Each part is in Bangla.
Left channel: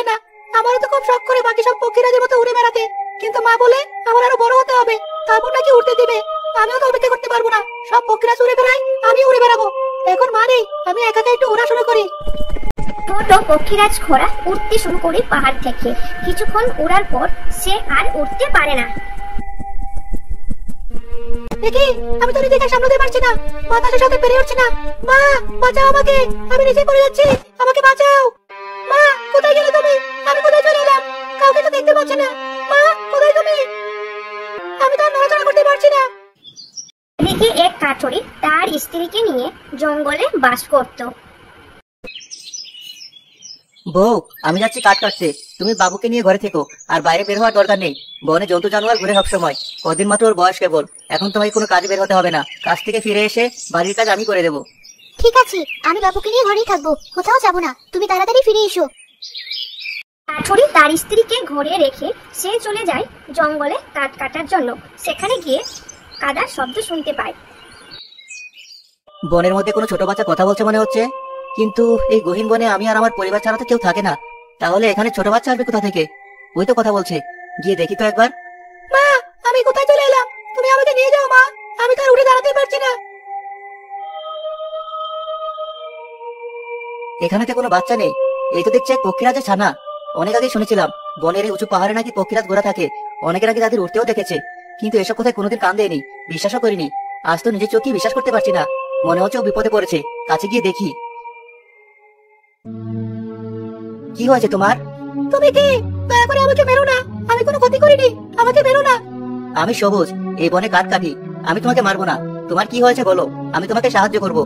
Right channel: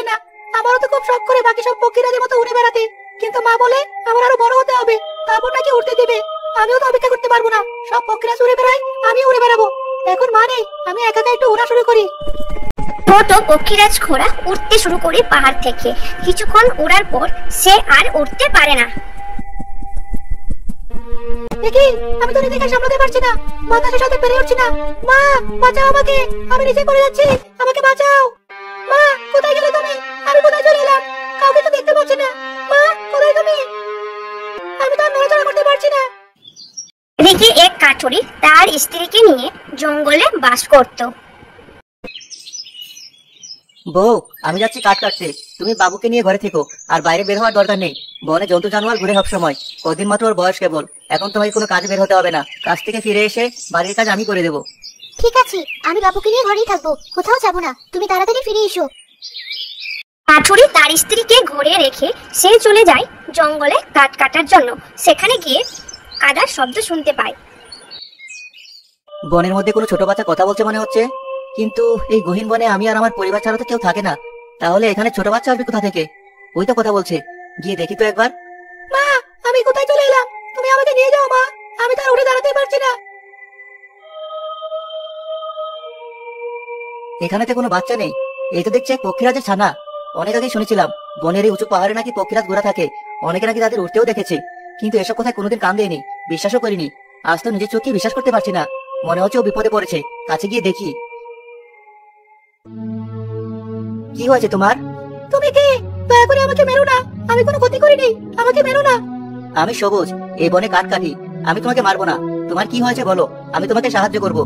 চায় না। আমারও তো খুব শখ করে বাকি সব পক্ষীরাজের মতো উড়ে বেড়াতে, কিন্তু মা বলে আমার আরো বড় হতে হবে, তারপর নাকি উড়তে দিবে। আমিও তো অপেক্ষা করতে পারবো না, সব পক্ষীরাজ উড়ে বেড়ায়, আমি উড়ে বেড়াবো। এখন মা নেই, আমি একা একা একটু উড়া শুরু করি। ছোট পক্ষীরাজ ঘোড়া উঠতে শুরু করে পাহাড় থেকে। কিছুক্ষণ ওড়ার পর সে আর উঠতে পারে না। দেখি, আমি তো নিজেকে সামলাতে পারছি না, বাতাসের সাথে পেরে উঠছি না। মা, বাঁচাও আমাকে, আমি নিচে পড়ে যাচ্ছি, আমাকে বাঁচাও। মা, কোথায় গেলে তুমি? আমি কোথায় চলে এলাম? কাউকে তো দেখতে পাচ্ছি না। মা, কোথায় তুমি? আমি তো আর নড়াচড়া করতে পারছি না। এদিকে এক কাঠুরি তার স্ত্রীকে নিয়ে জঙ্গলে বাস করত। বউ, আমি যাচ্ছি কাঠ কাটতে, তুমি বাবুকে নিয়ে ঘরে থেকো, আর বাইরে বের হওয়ার দরকার নেই। বনে জন্তু জানোয়ার ঘুরে সব সময়, কদিন মাত্র ওর বয়স কেবল, এখন তোমাকে কোনো কাজে বের হতে হবে না। কাজ থেকে ফিরে এসে বাড়ির কাজ আমি করে দেবো। ঠিক আছে, আমি বাবুকে নিয়ে ঘরেই থাকবো, কোথাও যাব না, তুমি তাড়াতাড়ি ফিরে এসো। কাঠুরি তার স্ত্রীকে ঘরে রেখে সে চলে যায় জঙ্গলে কাঠ কাটার জন্য। সেখানে গিয়ে কাদার শব্দ শুনতে পায়। বনের মধ্যে কোনো ছোট বাচ্চা কথা বলছে মনে হচ্ছে, কিন্তু এই গহীন বনে আমি আর আমার পরিবার ছাড়া তো কেউ থাকে না। তাহলে এখানে ছোট বাচ্চা আসবে কোথা থেকে? ওই তো কথা বলছে, গিয়ে দেখি তো একবার। মা, আমি কোথায় চলে এলাম? তুমি আমাকে নিয়ে যাও মা, আমি তো আর উড়ে দাঁড়াতেই পারছি না। এখানে তো কোনো বাচ্চা নেই, এই তো দেখছি পক্ষীরাজের ছানা। অনেক আগে শুনেছিলাম বনের এই উঁচু পাহাড়ে নাকি পক্ষীরাজ ঘোরা থাকে, অনেকে নাকি তাদের উঠতেও দেখেছে, কিন্তু এসব কথায় কোনোদিন কান দেয়নি, বিশ্বাসও করিনি। আজ তো নিজের চোখে বিশ্বাস করতে পারছি না, মনে হচ্ছে ও বিপদে পড়েছে। কাছে গিয়ে দেখি। কি হয়েছে তোমার? তুমি কে? দয়া করে আমাকে মেরো না, আমি কোনো ক্ষতি করিনি, আমাকে মেরো না। আমি সবুজ, এই বনে কাঠ কাটি, আমি তোমাকে মারবো না। তোমার কি হয়েছে বলো, আমি তোমাকে সাহায্য করব।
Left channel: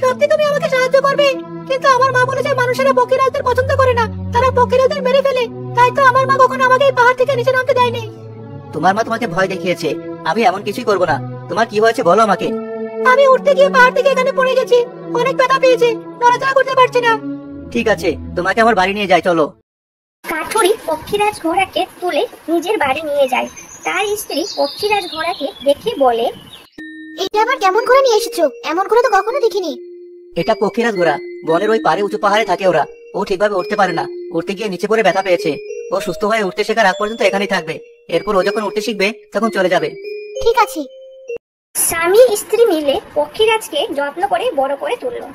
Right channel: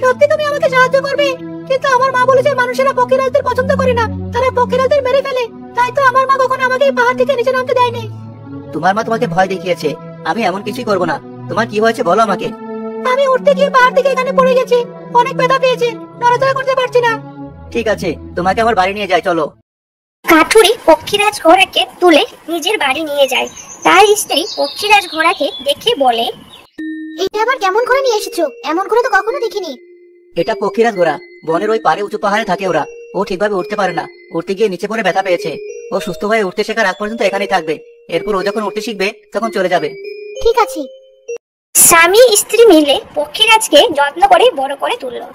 সত্যি তুমি আমাকে সাহায্য করবে? কিন্তু আমার মা বলেছে মানুষেরা পক্ষীরাজদের পছন্দ করে না, তারা পক্ষীরাজদের মেরে ফেলে। তাই তো আমার মা কখনো আমাকে এই পাহাড় থেকে নিচে নামতে দেয়নি। তোমার মা তোমাকে ভয় দেখিয়েছে, আমি এমন কিছুই করবো না। তোমার কি হয়েছে বলো আমাকে। আমি উঠতে গিয়ে পাহাড় থেকে এখানে পড়ে গেছি, অনেক ব্যথা পেয়েছি, নড়াচড়া করতে পারছি না। ঠিক আছে, তোমাকে আমার বাড়ি নিয়ে যাই, চলো। কাঠুরি পক্ষীরাজ ঘোড়াকে তুলে নিজের বাড়ি নিয়ে যায়। তার স্ত্রী পক্ষীরাজ ঘোড়াকে দেখে বলে, এটা আবার কেমন করে নিয়ে এসেছো? এমন করে তো কখনো দেখিনি। এটা পক্ষীরাজ ঘোড়া, বনের ওই পারে উঁচু পাহাড়ে থাকে ওরা। ও ঠিকভাবে উঠতে পারে না, উঠতে গিয়ে নিচে পড়ে ব্যথা পেয়েছে। ও সুস্থ হয়ে উঠতে শেখার আগ পর্যন্ত এখানেই থাকবে, এরপর ও যখন উঠতে শিখবে তখন চলে যাবে। ঠিক আছে। স্বামী স্ত্রী মিলে পক্ষীরাজকে যত্ন করে বড় করে তুললো।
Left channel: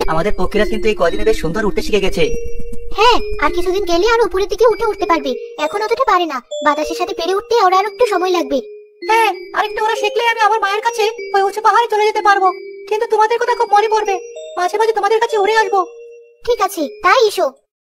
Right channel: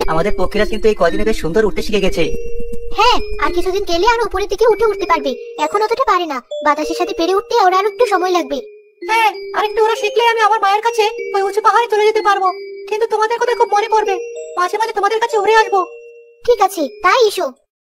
আমাদের পক্ষীরাজ কিন্তু এই কদিনে বেশ সুন্দর উঠতে শিখে গেছে। হ্যাঁ, আর কিছুদিন গেলে আর উপরের দিকে উঠতে পারবে। এখন অতটা পারে না, বাতাসের সাথে পেরে উঠতে ওর আর একটু সময় লাগবে। হ্যাঁ, আরেকটু ওরা শিখলে আমি আমার মায়ের কাছে ওই উঁচু পাহাড়ে চলে যেতে পারবো। কিন্তু তোমাদের কথা খুব মনে পড়বে, মাঝে মাঝে তোমাদের কাছে উড়ে আসবো। ঠিক আছে, তাই এসো।